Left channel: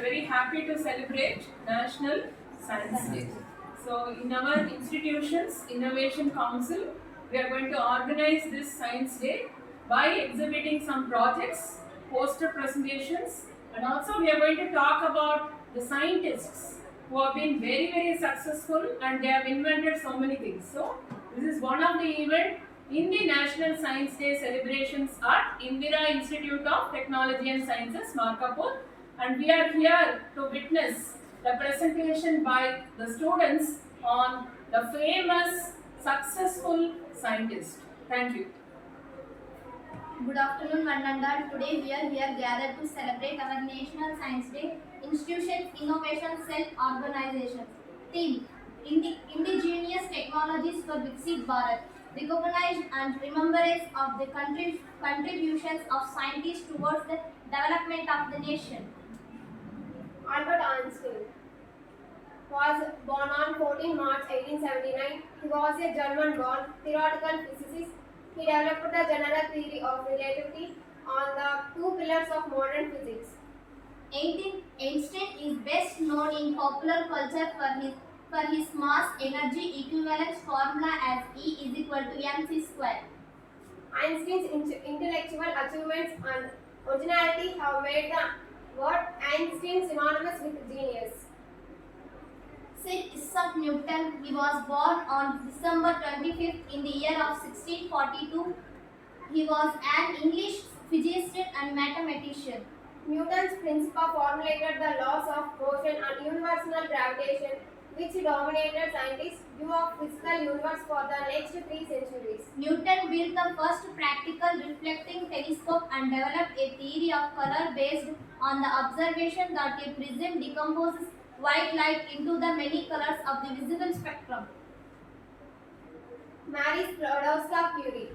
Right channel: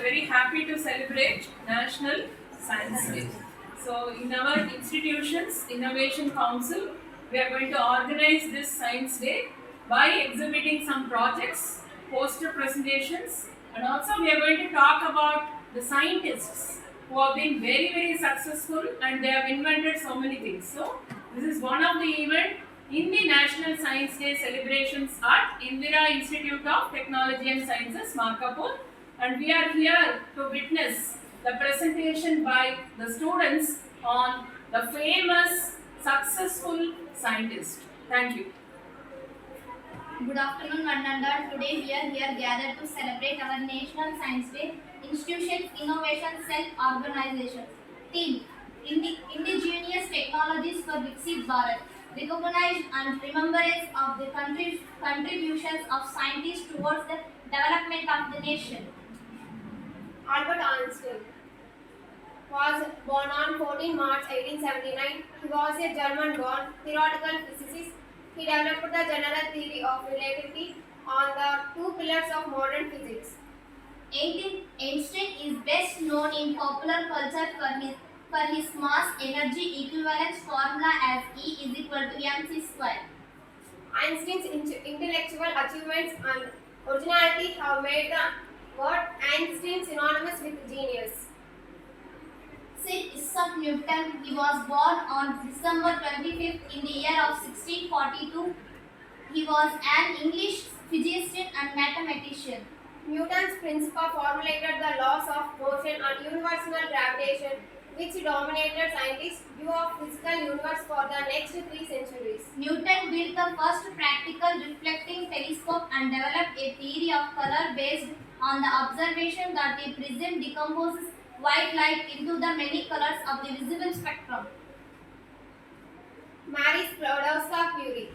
are very happy to celebrate National Science Day. So, in our institution's Innovation Council, we are going to organize this Science Day by exhibiting some projects, poster presentations, and also we are going to talk about the scientists who have been very, very successful and they have invented so many things. So, this is one of the event in the National Science Day celebrations at Indira Institute of Technology and Sciences, Markapur, and we are here to witness the presentation by the students on the famous successful scientist. Thank you. Good afternoon, one and all. Today we are here gathered to celebrate our National Science Day. Institutions, Innovation, Self-Organization. Theme: Indigenous Technologies for Viksit Bharat. Recognize and remembrance of the contributions of scientists towards the development of the nation. Albert Einstein was born on 14 March 1879. He was a German-born theoretical physicist. He developed the general theory of relativity on the two pillars of modern physics. Einstein is best known in popular culture for his mass energy equivalence formula as E is equal to mc square. Einstein's intellectual achievements and originality have made the word Einstein synonymous with genius. Sir Isaac Newton, he was born on December 25th in the year of 1642. He was an English physician and mathematician. Newton's principle formulated the laws of motion and universal gravitation, which dominated scientists' view of physical universe for the next 3 centuries. Newton built the first practical reflecting telescope and developed a theory of color based on the observation that a prism decomposes white light into the many colors of the visible spectrum. Marie Sklodowska-Curie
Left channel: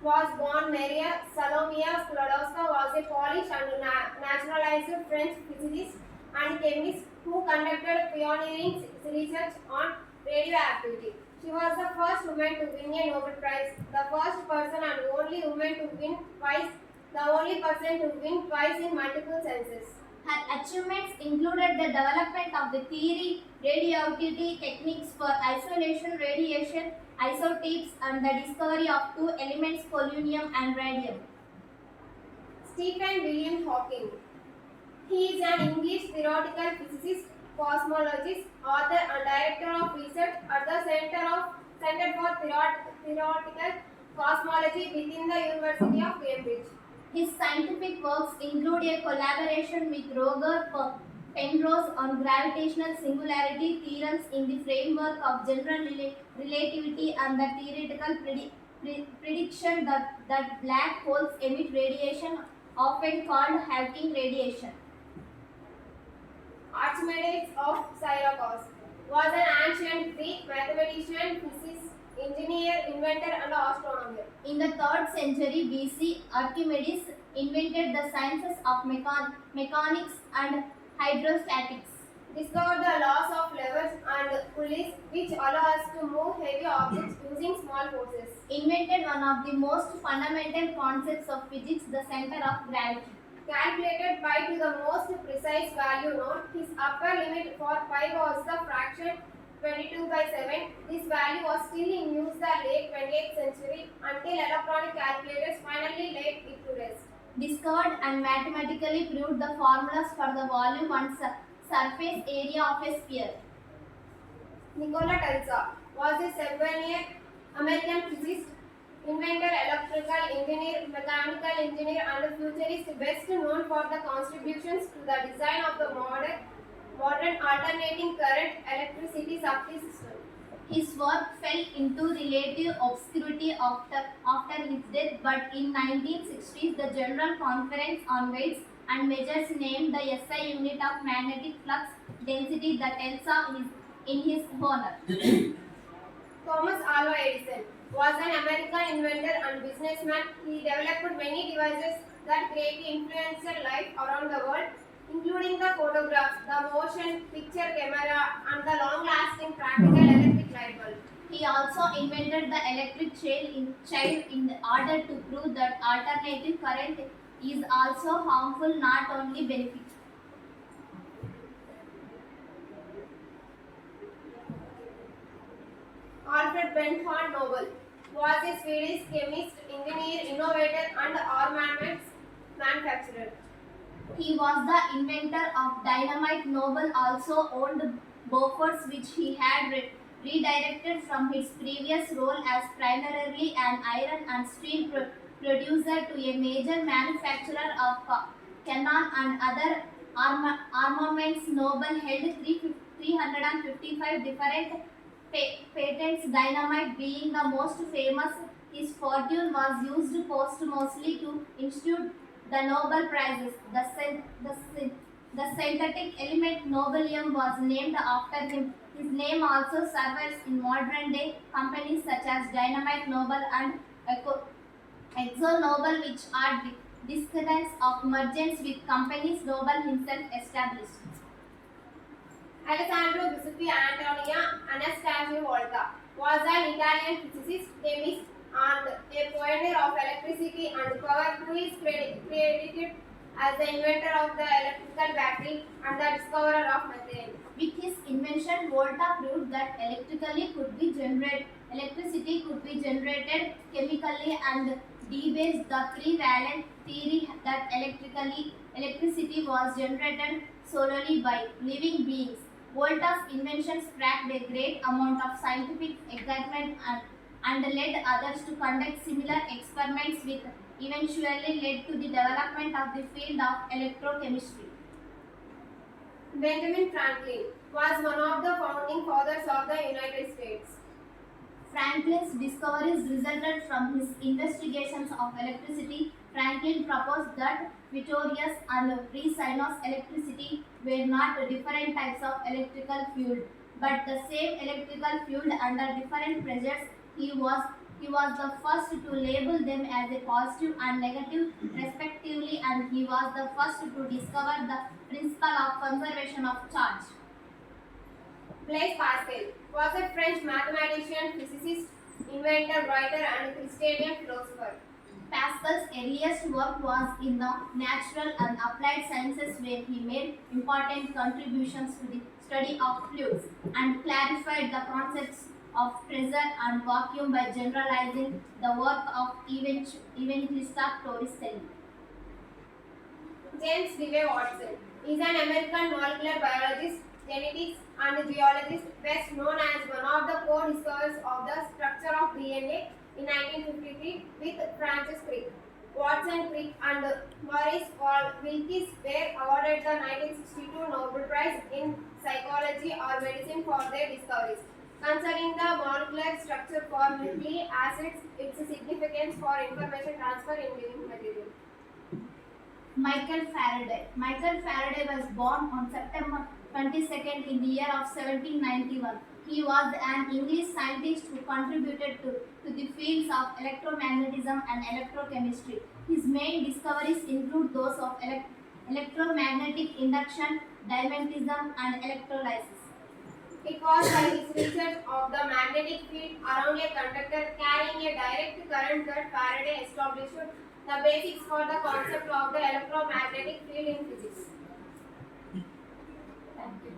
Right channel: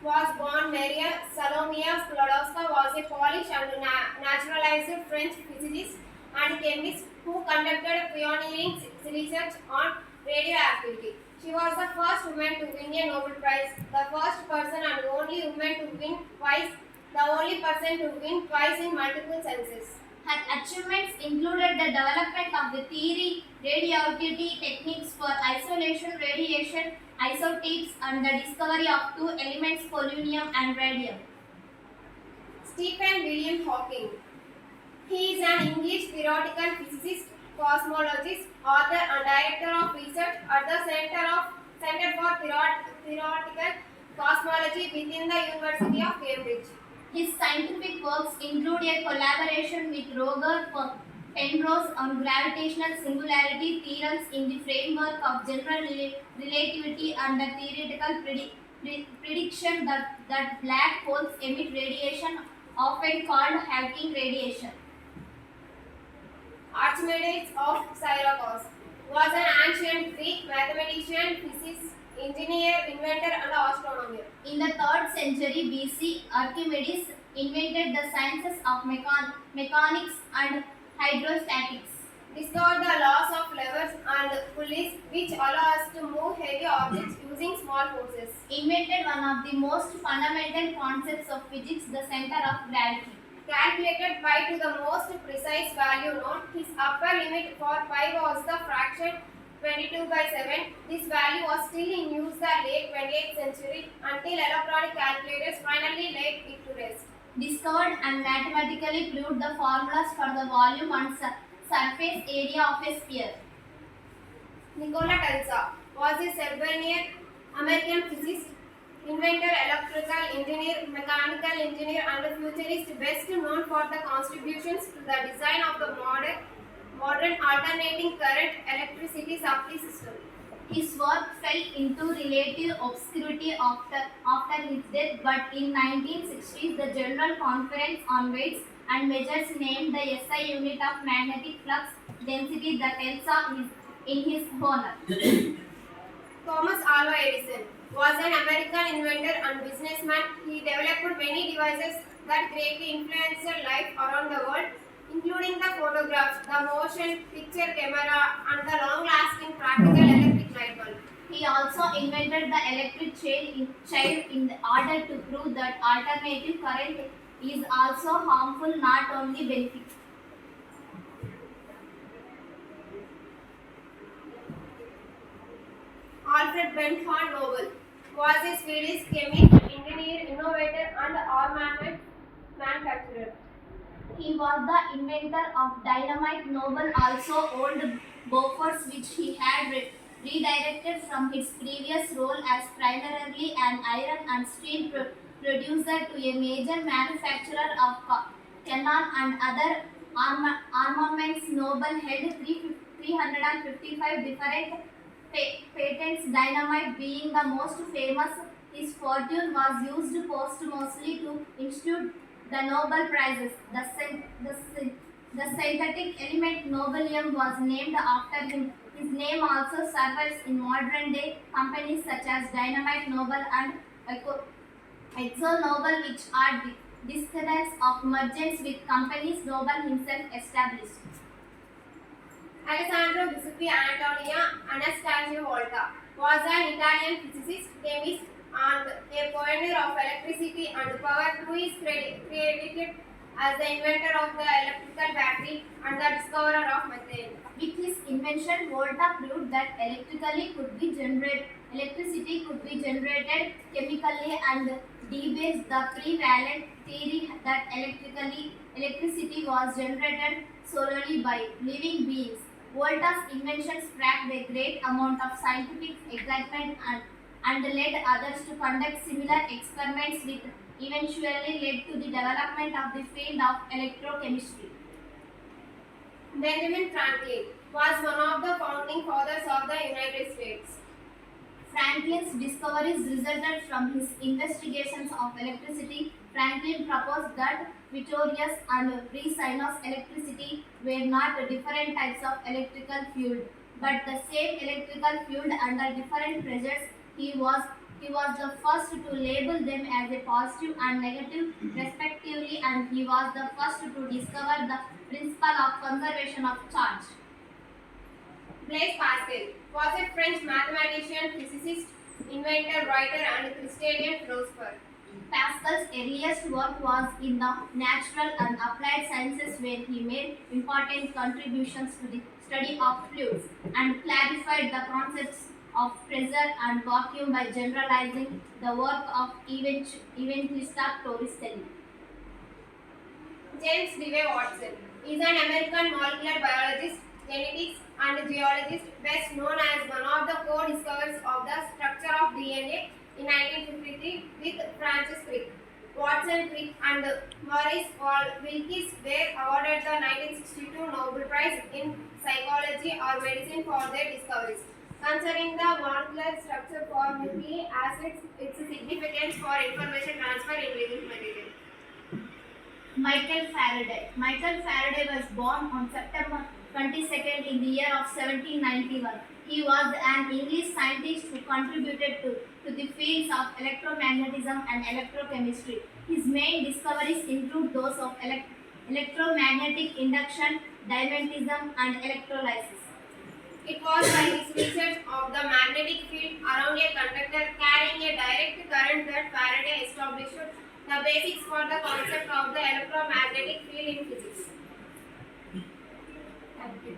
was born. Maria Salomia Sklodowska was a Polish and naturalized French physicist and chemist who conducted pioneering research on radioactivity. She was the first woman to win a Nobel Prize, the first person and only woman to win twice, the only person to win twice in multiple senses. Her achievements included the development of the theory, radioactivity techniques for isolation, radiation, isotopes, and the discovery of two elements, polonium and radium. Stephen William Hawking. He is an English theoretical physicist, cosmologist, author, and director of research at the Center for Theoretical Cosmology within the University of Cambridge. His scientific works include a collaboration with Roger Penrose on gravitational singularity theorems in the framework of general relativity and the theoretical prediction that black holes emit radiation, often called Hawking radiation. Archimedes of Syracuse was an ancient Greek mathematician, physicist, engineer, inventor, and astronomer. In the 3rd century BC, Archimedes invented the sciences of mechanics and hydrostatics. Discovered the laws of levers and pulleys which allow us to move heavy objects using small forces. Invented one of the most fundamental concepts of physics, the center of gravity. Calculated pi to the most precise value known, his upper limit for pi was the fraction 22/7. This value was still in use the late 20th century until electronic calculators finally laid it to rest. Discovered and mathematically proved the formulas for the volume and surface area of a sphere. Nikola Tesla was a Serbian American physicist, inventor, electrical engineer, mechanical engineer, and futurist, best known for the contributions to the design of the modern alternating current electricity supply system. His work fell into relative obscurity after his death, but in 1960s the General Conference on Weights and Measures named the SI unit of magnetic flux density the Tesla in his honor. Thomas Alva Edison was an American inventor and businessman. He developed many devices that greatly influenced life around the world, including the photographs, the motion picture camera, and the long-lasting practical electric light bulb. He also invented the electric chair in order to prove that alternative current is also harmful, not only beneficial. Alfred Benthorn Nobel was a Swedish chemist, engineer, innovator, and armaments manufacturer. He was the inventor of dynamite. Nobel also owned Bofors, which he had redirected from its previous role as primarily an iron and steel producer to a major manufacturer of cannon and other armaments. Nobel held 355 different patents, dynamite being the most famous. His fortune was used posthumously to institute the Nobel Prizes. The synthetic element nobelium was named after him. His name also survives in modern day companies such as Dynamite Nobel and Exxon Nobel, which are descendants of mergers with companies Nobel himself established. Alessandro Giuseppe Antonio Anastasio Volta was an Italian physicist, chemist, and a pioneer of electricity and power, who is credited as the inventor of the electrical battery and the discoverer of methane. With his invention, Volta proved that electricity could be generated chemically and debased the prevalent theory that electricity was generated solely by living beings. Volta's invention sparked a great amount of scientific excitement and led others to conduct similar experiments, which eventually led to the development of the field of electrochemistry. Benjamin Franklin was one of the founding fathers of the United States. Franklin's discoveries resulted from his investigations of electricity. Franklin proposed that Vittorius and Resinus electricity were not different types of electrical fluid, but the same electrical fluid under different pressures. He was the first to label them as a positive and negative respectively, and he was the first to discover the principle of conservation of charge. Blaise Pascal was a French mathematician, physicist, inventor, writer, and Christian philosopher. Pascal's earliest work was in the natural and applied sciences, where he made important contributions to the study of fluids and clarified the concepts of pressure and vacuum by generalizing the work of Evangelista Torricelli. James Dewey Watson is an American molecular biologist, genetics, and geologist, best known as one of the co-discoverers of the structure of DNA in 1953 with Francis Crick. Watson, Crick, and Maurice Wilkes were awarded the 1962 Nobel Prize in Psychology or Medicine for their discoveries. Concerning the molecular structure for nucleic acids, its significance for information transfer in living material. Michael Faraday. Michael Faraday was born on September 22nd in the year of 1791. He was an English scientist who contributed to the fields of electromagnetism and electrochemistry. His main discoveries include those of electromagnetic induction, diamantism, and electrolysis. It was by his research of the magnetic field around a conductor carrying a direct current that Faraday established the basics for the concept of the electromagnetic field in physics. Thank you.